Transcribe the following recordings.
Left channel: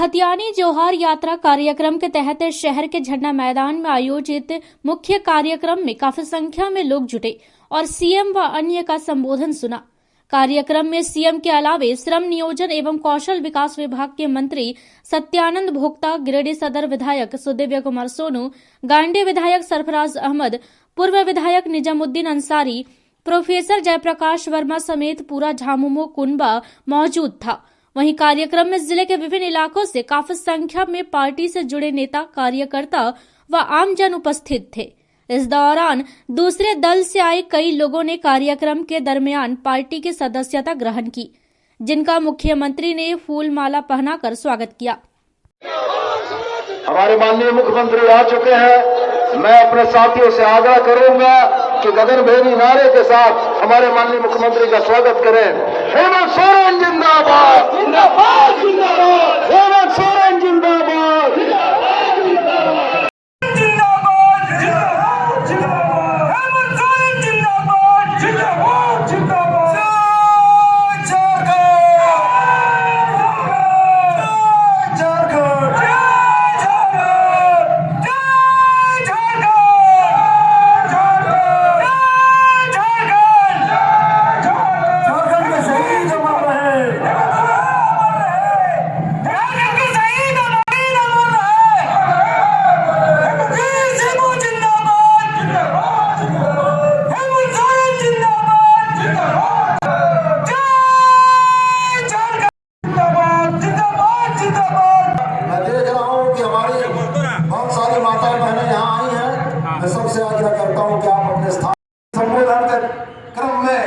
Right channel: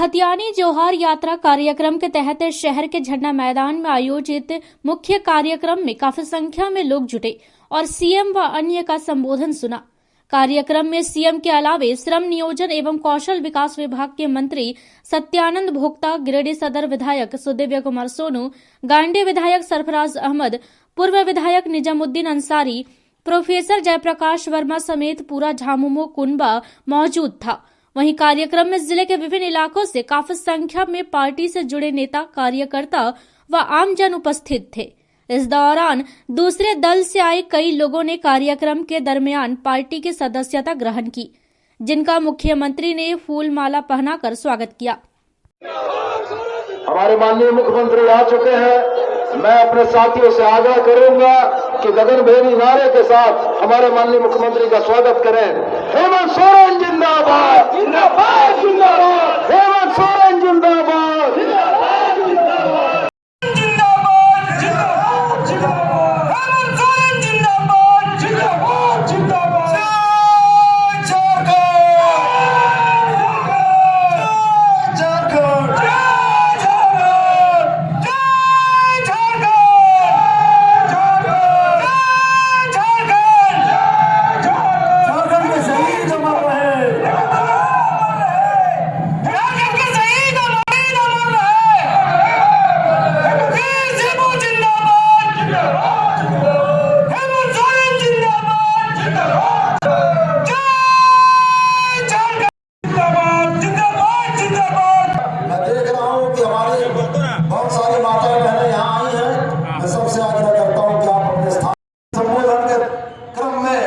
खतियानी जोहार यात्रा कार्यक्रम के तहत शहर के झंडा मैदान में आयोजित मुख्य कार्यक्रम में काफी संख्या में लोग जुटे और सीएम व अन्य का संबोधन सुना। कार्यक्रम में सीएम के अलावे श्रम नियोजन एवं कौशल विकास विभाग के मंत्री सत्यानंद भोक्ता, गिरिडीह सदर विधायक सुदिव्य कुमार सोनू, गांडी विधायक सरफराज अहमद, पूर्व विधायक निजामुद्दीन अंसारी, प्रोफेसर जयप्रकाश वर्मा समेत पूरा झामुमो कुनबा मौजूद था। वहीं कार्यक्रम में जिले के विभिन्न इलाकों से काफी संख्या में पार्टी से जुड़े नेता, कार्यकर्ता व आमजन उपस्थित थे। इस दौरान दूसरे दल से आए कई लोगों ने कार्यक्रम के दरमियान पार्टी की सदस्यता ग्रहण की, जिनका मुख्यमंत्री ने फूल माला पहनाकर स्वागत किया। हमारे माननीय मुख्यमंत्री आ चुके हैं। मैं अपने साथियों से आग्रह करूंगा कि गगनभेदी नारे के साथ हमारे माननीय मुख्यमंत्री का स्वागत करें। हेमंत सोरेन जिंदाबाद, जिंदाबाद, जिंदाबाद। हेमंत सोरेन जिंदाबाद, सबसे आग्रह करता हूं कि आप अपने स्थान संबोधन के क्रम में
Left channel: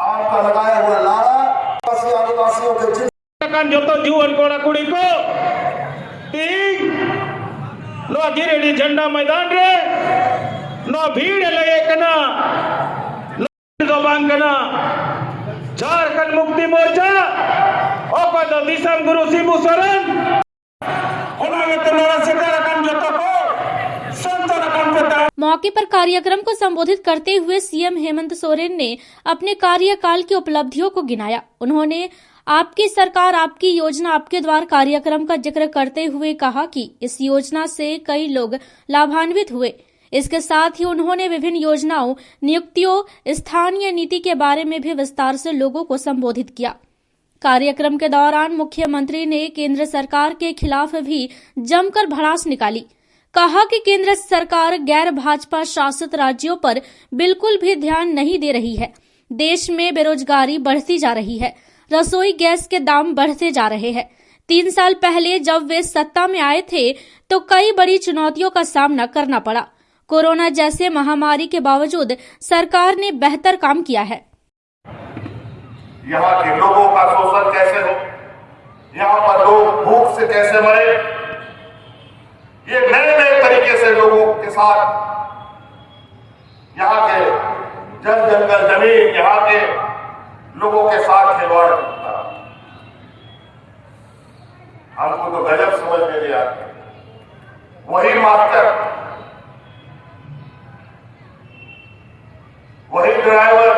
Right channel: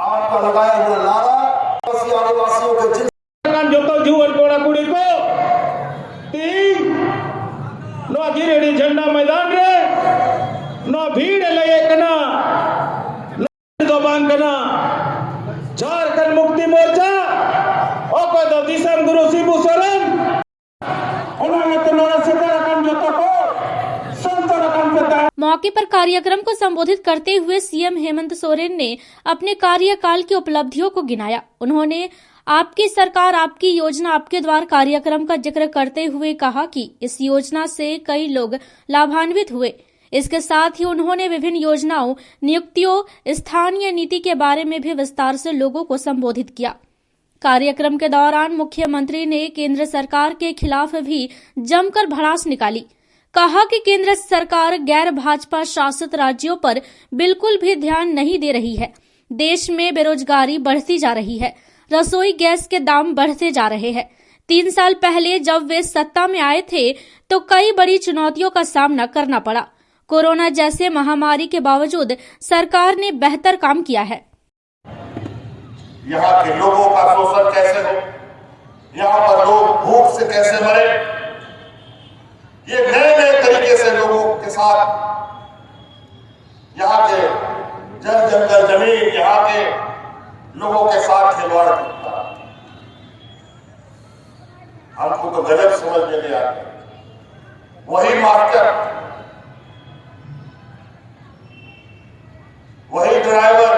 आपका लगाया हुआ नारा आदिवासियों के जो जीवन कोड़ा कुड़ी को नो गिरिडीह झंडा मैदान रे नो भीड़ लगे कना दो बांगना झारखंड मुक्ति मोर्चा और दो दिसम गुरु शिबू सोरेन मौके पर कार्यक्रम को संबोधित करते हुए सीएम हेमंत सोरेन ने अपने कार्यकाल की उपलब्धियों को गिनाया। उन्होंने आपकी सरकार आपकी योजना आपके द्वार कार्यक्रम का जिक्र करते हुए कहा कि इस योजना से कई लोग लाभान्वित हुए। इसके साथ ही उन्होंने विभिन्न योजनाओं, नियुक्तियों, स्थानीय नीति के बारे में भी विस्तार से लोगों को संबोधित किया। कार्यक्रम के दौरान मुख्यमंत्री ने केंद्र सरकार के खिलाफ भी जमकर भड़ास निकाली। कहा कि केंद्र सरकार गैर भाजपा शासित राज्यों पर बिल्कुल भी ध्यान नहीं दे रही है। देश में बेरोजगारी बढ़ती जा रही है, रसोई गैस के दाम बढ़ते जा रहे हैं। 3 साल पहले जब वे सत्ता में आए थे तो कई बड़ी चुनौतियों का सामना करना पड़ा। कोरोना जैसे महामारी के बावजूद सरकार ने बेहतर काम किया है। यहाँ के लोगों का शोषण कैसे हो, यहाँ पर लोग भूख से कैसे मरे, ये नए नए तरीके से लोगों के साथ यहाँ के जल जंगल जमीन, यहाँ के लोगों के साथ खिलवाड़ करता। हमको तो गजब समझ में नहीं आती। वही मास्टर, वही ड्राइवर,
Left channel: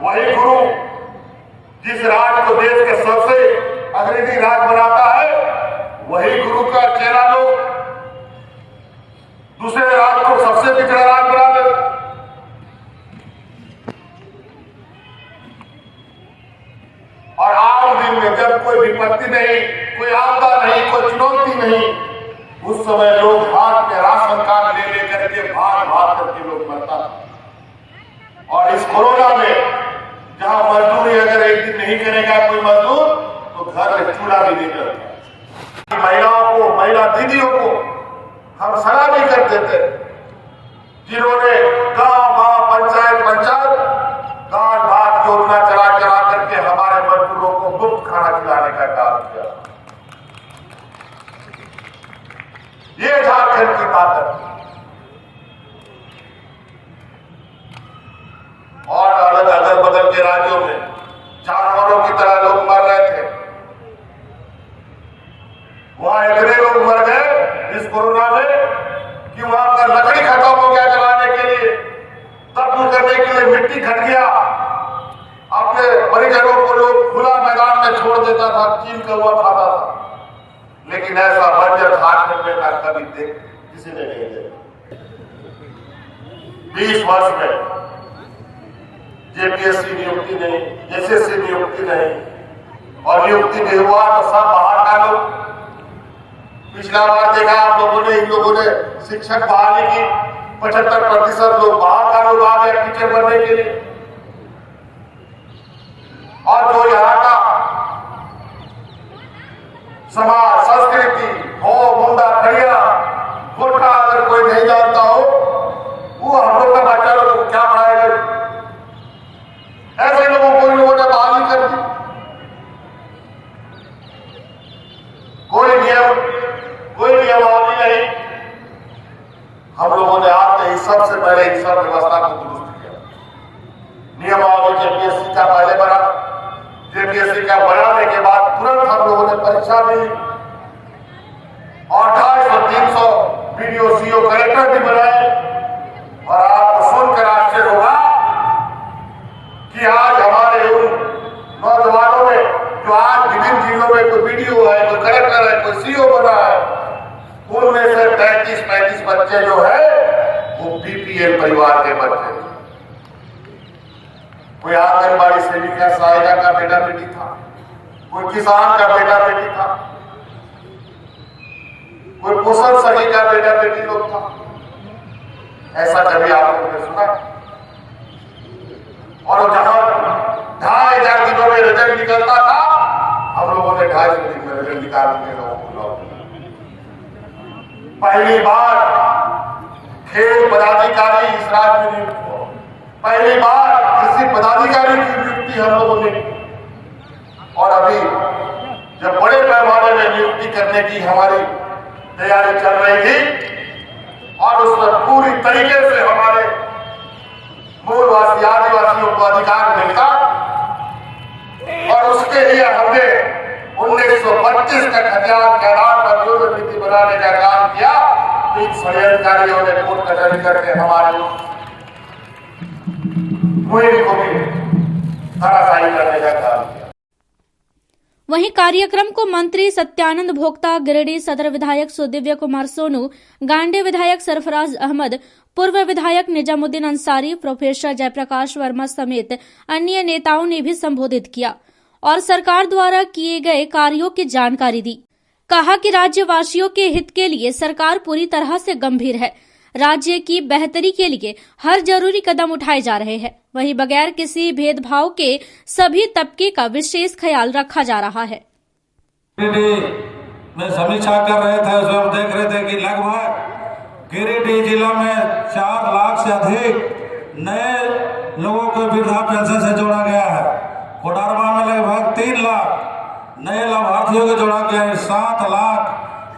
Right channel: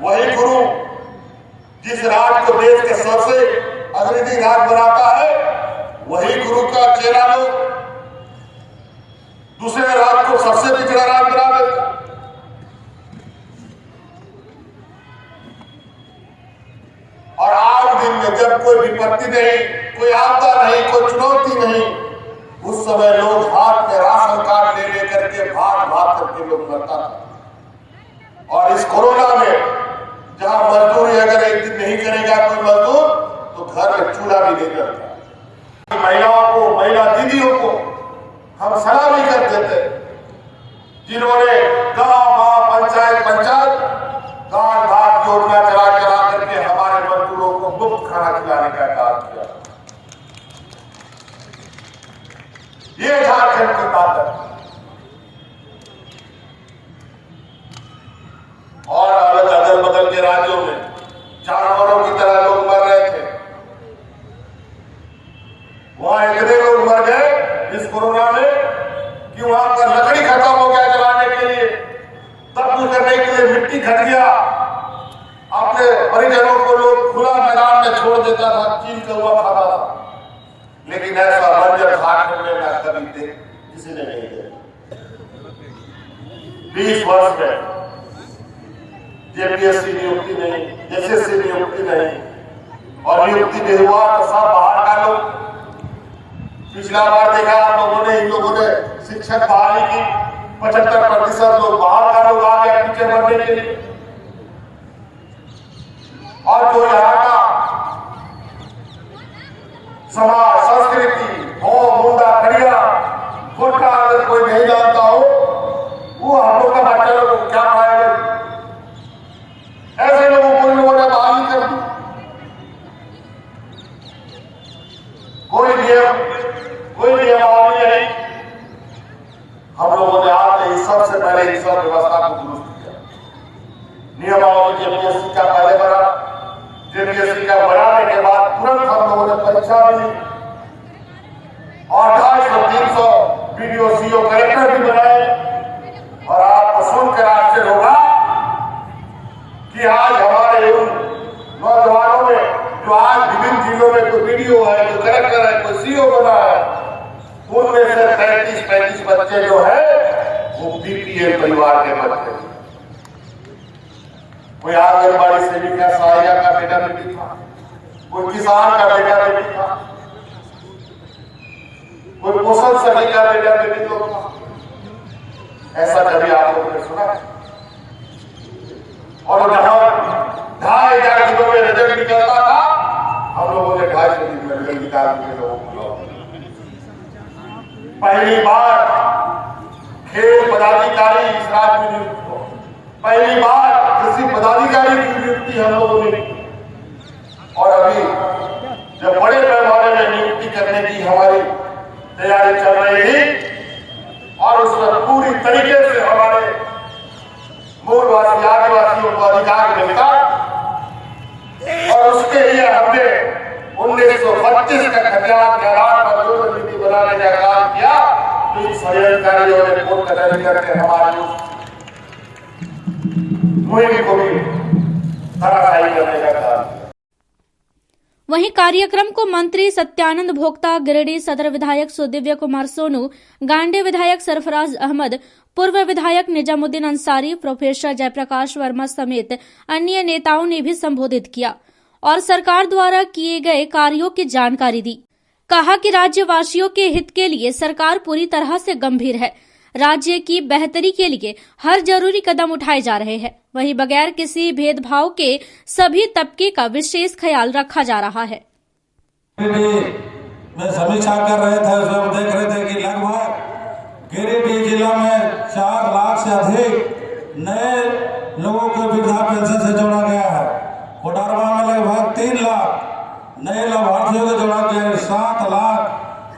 वही गुरु जिस राज को देश के सबसे अग्रणी राज बनाता है, वही गुरु का चेला लोग दूसरे राज को सबसे पिछड़ा राज बना देता। और आज दिन में जब कोई विपत्ति नहीं, कोई आपदा नहीं, कोई चुनौती नहीं, उस समय लोग हाथ में राशन कार्ड ले लेकर के भाग भाग करके लोग मरता था। और इस कोरोना में जहां मजदूरी अगर एक दिन नहीं करेगा कोई मजदूर तो घर में चूल्हा भी नहीं करता। महिलाओं को, महिला दीदियों को हम सलाह भी करते थे, जिन्होंने गांव पंचायत दान भात योजना चला करके हमारे मजदूरों को मुफ्त खाना खिलाने का काम किया। ये झारखंड की बात है। और अलग अदल बदल के राज्यों में जानवरों की तरह लोग मर रहे थे, वहां इतने लोग मर गए इस कोरोना में कि वहां पर लकड़ी खत्म हो गया जलाने के लिए, दफन करने के लिए मिट्टी घट गया। अपने परिजनों को लोग खुला मैदान में छोड़ देता था, कील का हुआ खाता था। लेकिन लेकिन ऐसा बंजर झारखंड में ना कभी देख किसी ने नहीं देखा। 20 वर्ष में जेपीएससी नियुक्ति नहीं, एसएससी नियुक्ति नहीं, और नियुक्ति भी हुआ तो सब बाहर का लोग। पिछला बार देखा आप लोगों ने, इन लोगों ने शिक्षक बहाली की, 75% लोग बाहर का लोग आ गया टीचर बनने के लिए। और जो यहाँ का समाज, संस्कृति, हो मुंडा खड़िया गोरखा अगर कोई नहीं जानता हो, वो हम लोग का बच्चा लोग को क्या पढ़ाएगा? ऐसे लोगों को इन लोगों ने बहाली कर दी। कोई नियमावली नहीं। हम लोगों ने आते ही सबसे पहले इस सब व्यवस्था को दुरुस्त किया। नियमावली जेपीएससी का पहले बना, जेपीएससी का बनाने के बाद तुरंत हम लोगों ने परीक्षा दी और 250-300 वीडियो सीओ कलेक्टर भी बनाए। और आपको सुनकर आश्चर्य होगा कि आज हमारे उन नौजवानों में जो आज विभिन्न जिलों में कोई वीडियो है, कोई कलेक्टर है, कोई सीओ बना है, उनमें से 35-35 बच्चे जो है वो बीपीएल परिवार के बच्चे। कोई आंगनबाड़ी सेविका सहायिका का बेटा बेटी था, कोई किसान का बेटा बेटी था, कोई पोषण सखी का बेटा बेटी लोग था। ऐसा कभी आप लोगों ने सुना? और जहां 2500 दिनों में रिजल्ट निकलता था, हम लोगों ने 250 दिन में रिजल्ट निकाल के लोगों को लौट। पहली बार खेल पदाधिकारी इस राज्य में नियुक्त हुआ। पहली बार किसी पदाधिकारी की नियुक्ति हम लोगों ने की। और अभी जब बड़े पैमाने में नियुक्ति करने की हमारी तैयारी चल रही थी और उसमें पूरी तरीके से हमारे मूलवासी आदिवासियों को अधिकार मिलता, और उसके लिए हमने 1932 का खतियान के आधार पर जो नीति बनाने का काम किया, इन षड्यंत्रकारियों ने कोर्ट कचहरी करके हमारे मुहिम को भी धराशायी करने का काम किया। वहीं कार्यक्रम को मंत्री सत्यानंद भोक्ता, गिरिडीह सदर विधायक सुदिव्य कुमार सोनू, गांडे विधायक सरफराज अहमद, पूर्व विधायक निजामुद्दीन अंसारी, प्रोफेसर जयप्रकाश वर्मा समेत अन्य नेताओं ने भी संबोधित किया और सरकार द्वारा किए गए कार्यों की जानकारी दी। कहा कि राज्यवासियों के हित के लिए सरकार पूरी तरह से गंभीर है। राज्य की बेहतरी के लिए हर जरूरी कदम उठाए जा रहे हैं। वहीं बगैर किसी भेदभाव के सभी तबके का विशेष ख्याल रखा जा रहा है। में समीक्षा कर रहे थे, उसमें देख रहे थे कि लगभग गिरिडीह जिला में 4 लाख से अधिक नए लोगों को वृद्धा पेंशन से जोड़ा गया है। कोडरमा में लगभग 3 लाख नए लाभार्थियों को जोड़ा गया है। 7 लाख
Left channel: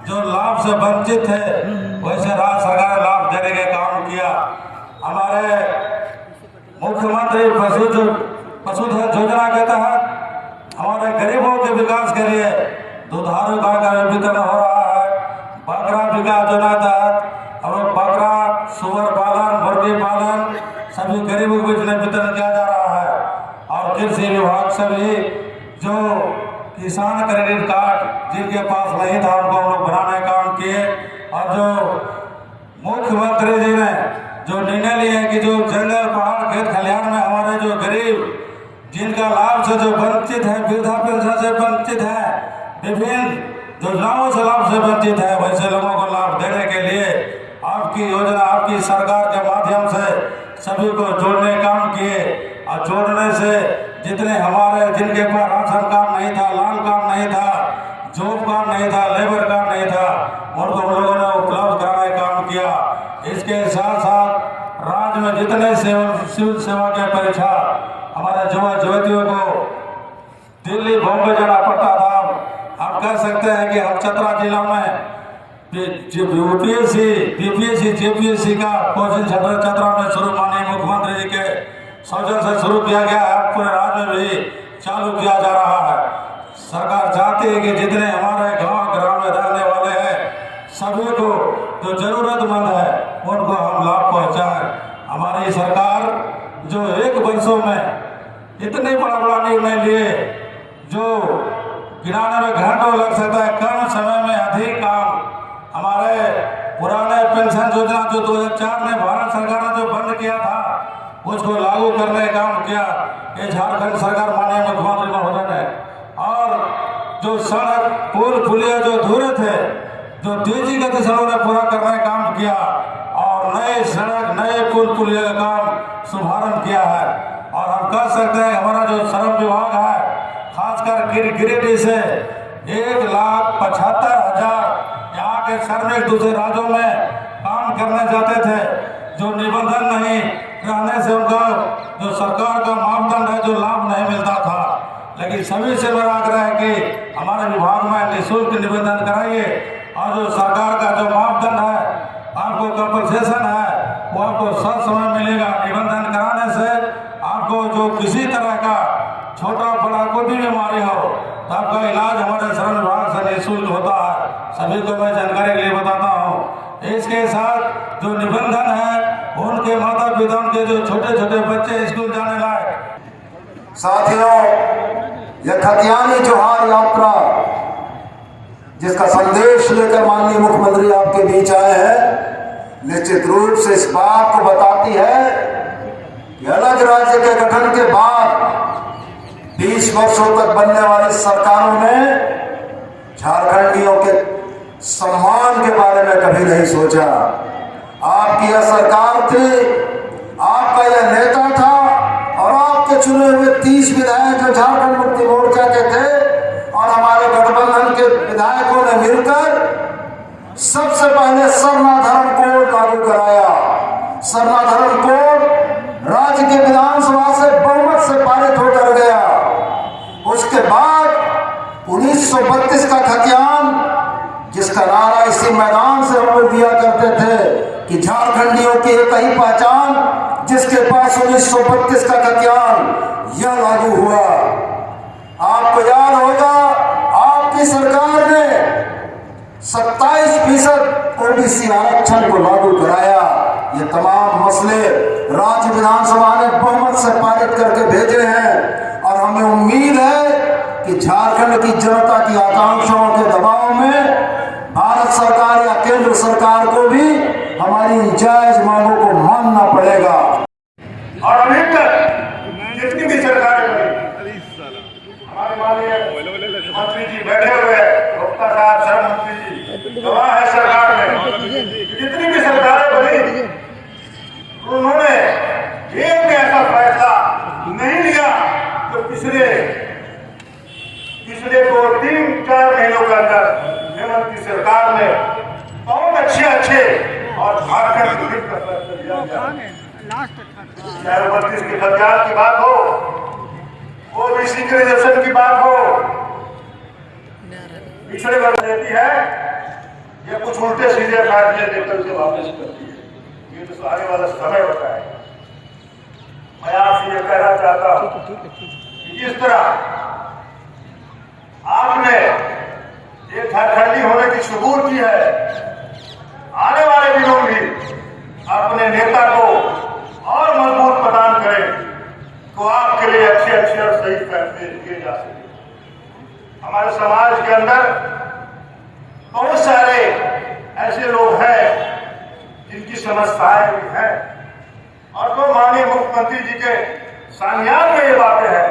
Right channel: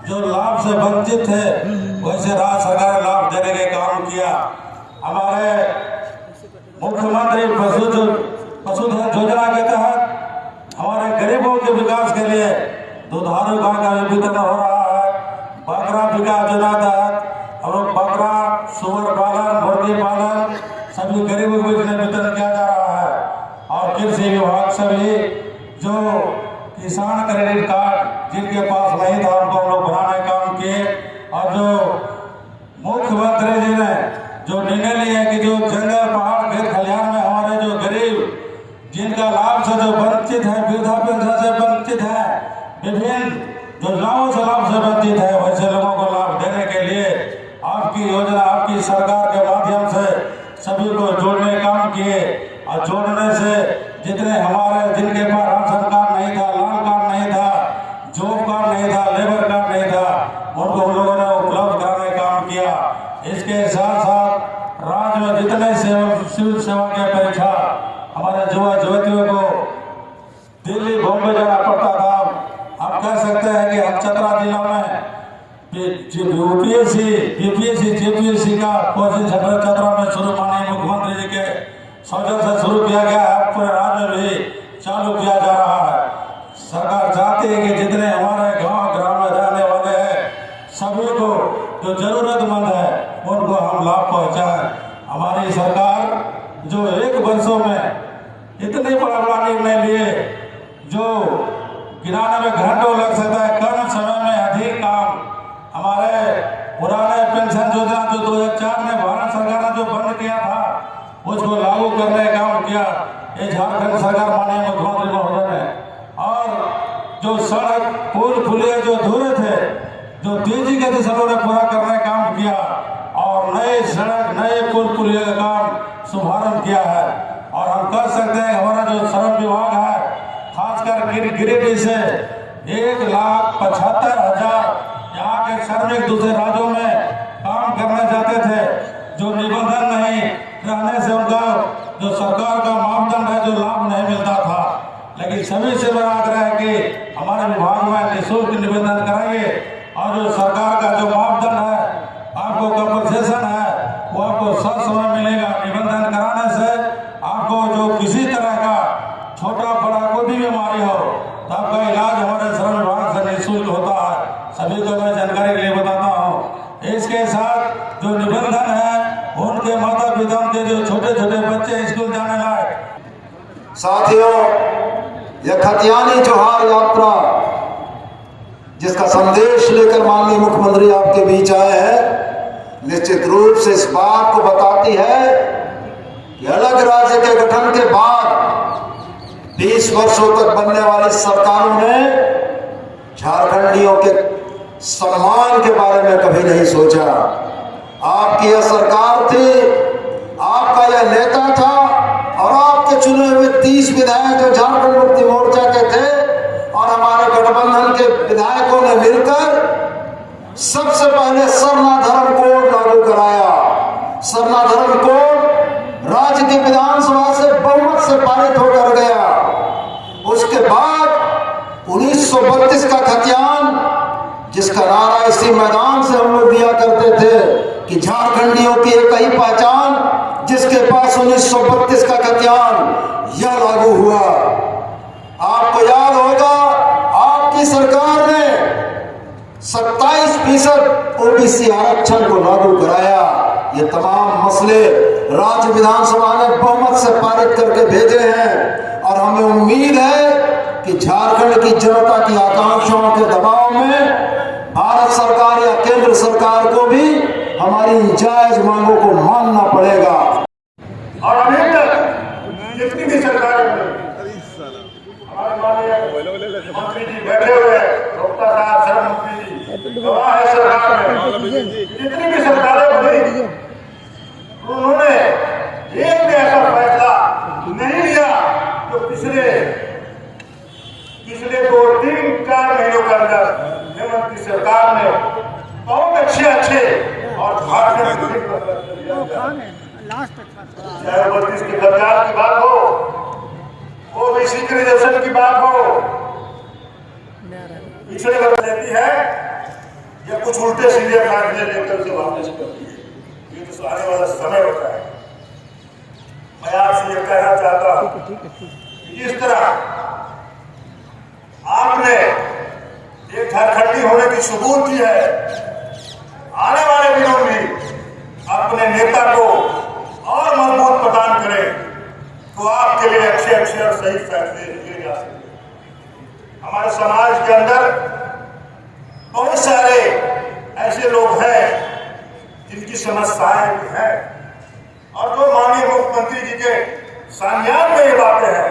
जो लाभ से वंचित थे, वैसे राज्य सरकार लाभ देने का काम किया। हमारे मुख्यमंत्री पशुधन योजना के तहत हमारे गरीबों के विकास के लिए दुधारू गाय का वितरण हो रहा है। बकरा विकास योजना के तहत हम लोग बकरा, सुअर पालन, मुर्गी पालन सभी गरीबों को वितरण किया जा रहा है। और कृषि विभाग से भी जो किसान क्रेडिट कार्ड जिनके पास नहीं था, उनको हम लोग बनाने का काम किए। और जो मुख्यमंत्री जी ने जो निर्णय लिया कि जो जंगल, पहाड़, खेत खलिहान में हमारे जो गरीब जिनका लाभ से जो वंचित है, वृद्धा पेंशन से वंचित है, विभिन्न योजनाओं से लाभ से वंचित है, वैसे लोगों को लाभ देने के लिए आपकी योजना, आपकी सरकार के माध्यम से सभी को जोड़ने का काम किए। और जोड़ने से जितने हमारे जिनके पास राशन कार्ड नहीं था, लाल कार्ड नहीं था, जॉब कार्ड नहीं था, लेबर कार्ड नहीं था, उनको हम लोगों ने उपलब्ध कराने का काम किया। इसके साथ साथ राज्य में जितने सिविल सेवा के परीक्षा हमारे युवा युवतियों को दिल्ली, बॉम्बे जाना पड़ता था, हम कह सकते हैं कि हम चतरा जिला में यूपीएससी, बीपीएससी, जेपीएससी का कोचिंग सेंटर चतरा में शुरू माननीय मुख्यमंत्री जी के सौजन्य से शुरू किया गया है। पूरे राज्य में भी चालू किया जा रहा है। सरकार चाहती है कि जितने हमारे गांव ग्राम में रहने वाले हैं सभी को जो जरूरतमंद है उनको हम लाभ पहुंचाएं। हमारी सरकार जो 1 वर्षों में इतने बड़ा निर्णय लिए जो गिनाने में घंटों लग सकता है, कम समय में अधिक योजना जो 2004 में भारत सरकार ने जो बंद किया था उसको लागू करने का काम किया। ये झारखंड सरकार माननीय मुख्यमंत्री महोदय ने, और जो सड़क पुल पुलिया जो अधूरे थे जो तेजी गति से उन्होंने पूरा करने का काम किया और नए सड़क नए पुल पुलिया का काम शुभारंभ किया है। और हम कर सकते हैं, हमारा जो श्रम विभाग है खासकर गिरिडीह से 1,75,000 यहाँ के श्रमिक दूसरे राज्यों में काम करने जाते थे, जो निबंधन नहीं रहने से उनका जो सरकार का मापदंड है जो लाभ नहीं मिलता था। लेकिन सभी से मेरा आग्रह है कि हमारे विभाग में निःशुल्क निबंधन कराइए और जो सरकार का जो मापदंड है आपको कंपनसेशन है वो आपको सब समय मिलेगा। निबंधन कराने से आपको जो किसी तरह का छोटा बड़ा कोई भी बीमारी हो तो आपका इलाज हमारे श्रम विभाग से निःशुल्क होता है। सभी को मैं जानकारी के लिए बताता हूँ। इसके साथ जो निबंधन है उनके माता पिता उनके जो छोटे छोटे बच्चे स्कूल जाने लायक। साथियों, यह खतियानी जोहार यात्रा जिसका संदेश लेकर माननीय मुख्यमंत्री आपके बीच आए हैं, निश्चित रूप से इस बात को बताती है कि अलग राज्य के गठन के बाद 20 वर्षों तक बनने वाली सरकारों ने झारखंडियों के सम्मान के बारे में कभी नहीं सोचा। आपकी यह सरकार थी, आपका यह नेता था और आपके चुने हुए 30 विधायक जो झारखंड मुक्ति मोर्चा के थे और हमारे गठबंधन के विधायकों ने मिलकर सबसे पहले सरना धर्म कोड लागू कराया। सरना धर्म कोड राज्य की विधानसभा से बहुमत से पारित होकर गया। उसके बाद 1932 का खतियान, जिसका नारा इसी मैदान से हम लोग दिया करते थे कि झारखंडियों की एक ही पहचान, जिसके पास 1932 का खतियान, यह लागू हुआ। आपको याद होगा आपकी सरकार ने 27% ओबीसी आरक्षण को लागू कराया। ये तमाम मसले राज्य विधानसभा ने बहुमत से पारित करके भेजे हैं और हमें उम्मीद है कि झारखंड की जनता की आकांक्षाओं के दबाव में भारत सरकार या केंद्र सरकार को भी हमारी जायज मांगों को मानना पड़ेगा। और अभी तक जितनी भी सरकारें बनी, हमारे माननीय मंत्री जी बैठे हुए हैं, गुप्ता साहब श्रम मंत्री जी गवाह है सरकार में, जितनी भी सरकारें बनी उन्होंने एक भी ऐसा फैसला नहीं लिया तो पिछले 2-3-4 महीनों के अंदर हेमंत की सरकार ने बहुत अच्छे और झारखंड को हित कर दिया। चाहे 32 की सरकार की बात हो, ओबीसी के रिजर्वेशन की बात हो, पिछड़े वर्ग देती है या कुछ उल्टे सीधे फैसले लेकर उसे वापस करती है। ये तो आने वाला समय होता है। मैं आपसे ये कहना चाहता हूँ कि जिस तरह आपने एक झारखंडी होने की सबूत की है, आने वाले दिनों में अपने नेता को और मजबूत प्रदान करें तो आपके लिए अच्छे और सही फैसले किए जा सके। हमारे समाज के अंदर बहुत सारे ऐसे लोग हैं जिनकी समस्याएं हैं और जो माननीय मुख्यमंत्री जी के संज्ञान में ये बातें हैं,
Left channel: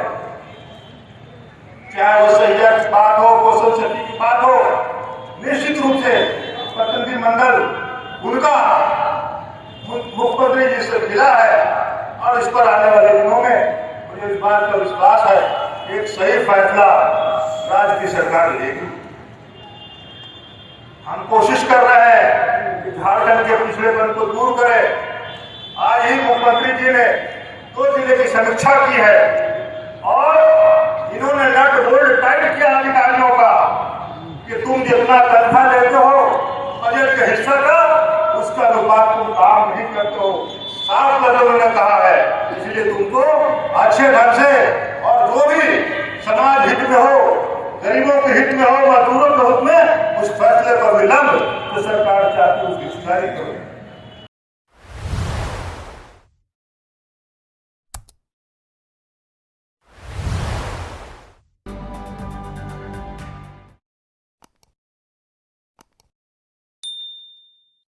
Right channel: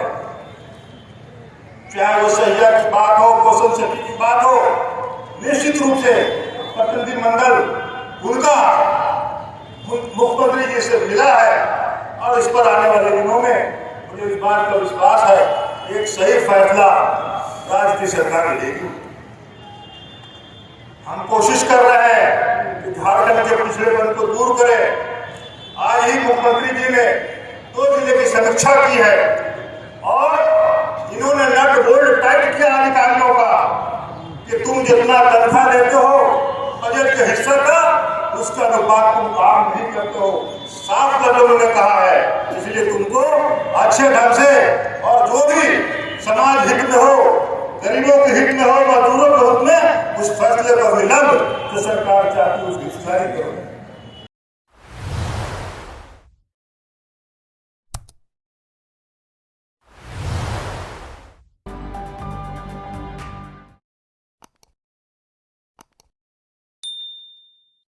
चाहे वो सैया की बात हो, कौशल शक्ति की बात हो, निश्चित रूप से प्रतिनिधिमंडल उनका मुख्यमंत्री जी से मिला है और इस पर आने वाले दिनों में मुझे इस बात का विश्वास है एक सही फैसला राज्य की सरकार लेगी। हम कोशिश कर रहे हैं कि झारखंड के पिछड़ेपन को दूर करें। आज ही मुख्यमंत्री जी ने 2 जिले की समीक्षा की है और इन्होंने नट बोल्ट टाइट किया अधिकारियों का कि तुम जितना तनख्वाह देते हो बजट के हिस्से का, उसका अनुपात तुम काम नहीं करते हो। साफ लफ्ज़ों में कहा है, इसलिए तुमको अच्छे ढंग से और जो भी समाज हित में हो, गरीबों के हित में हो, मजदूरों के हित में उस फैसले पर विलंब जो सरकार चाहती है उसकी सुधारी करो।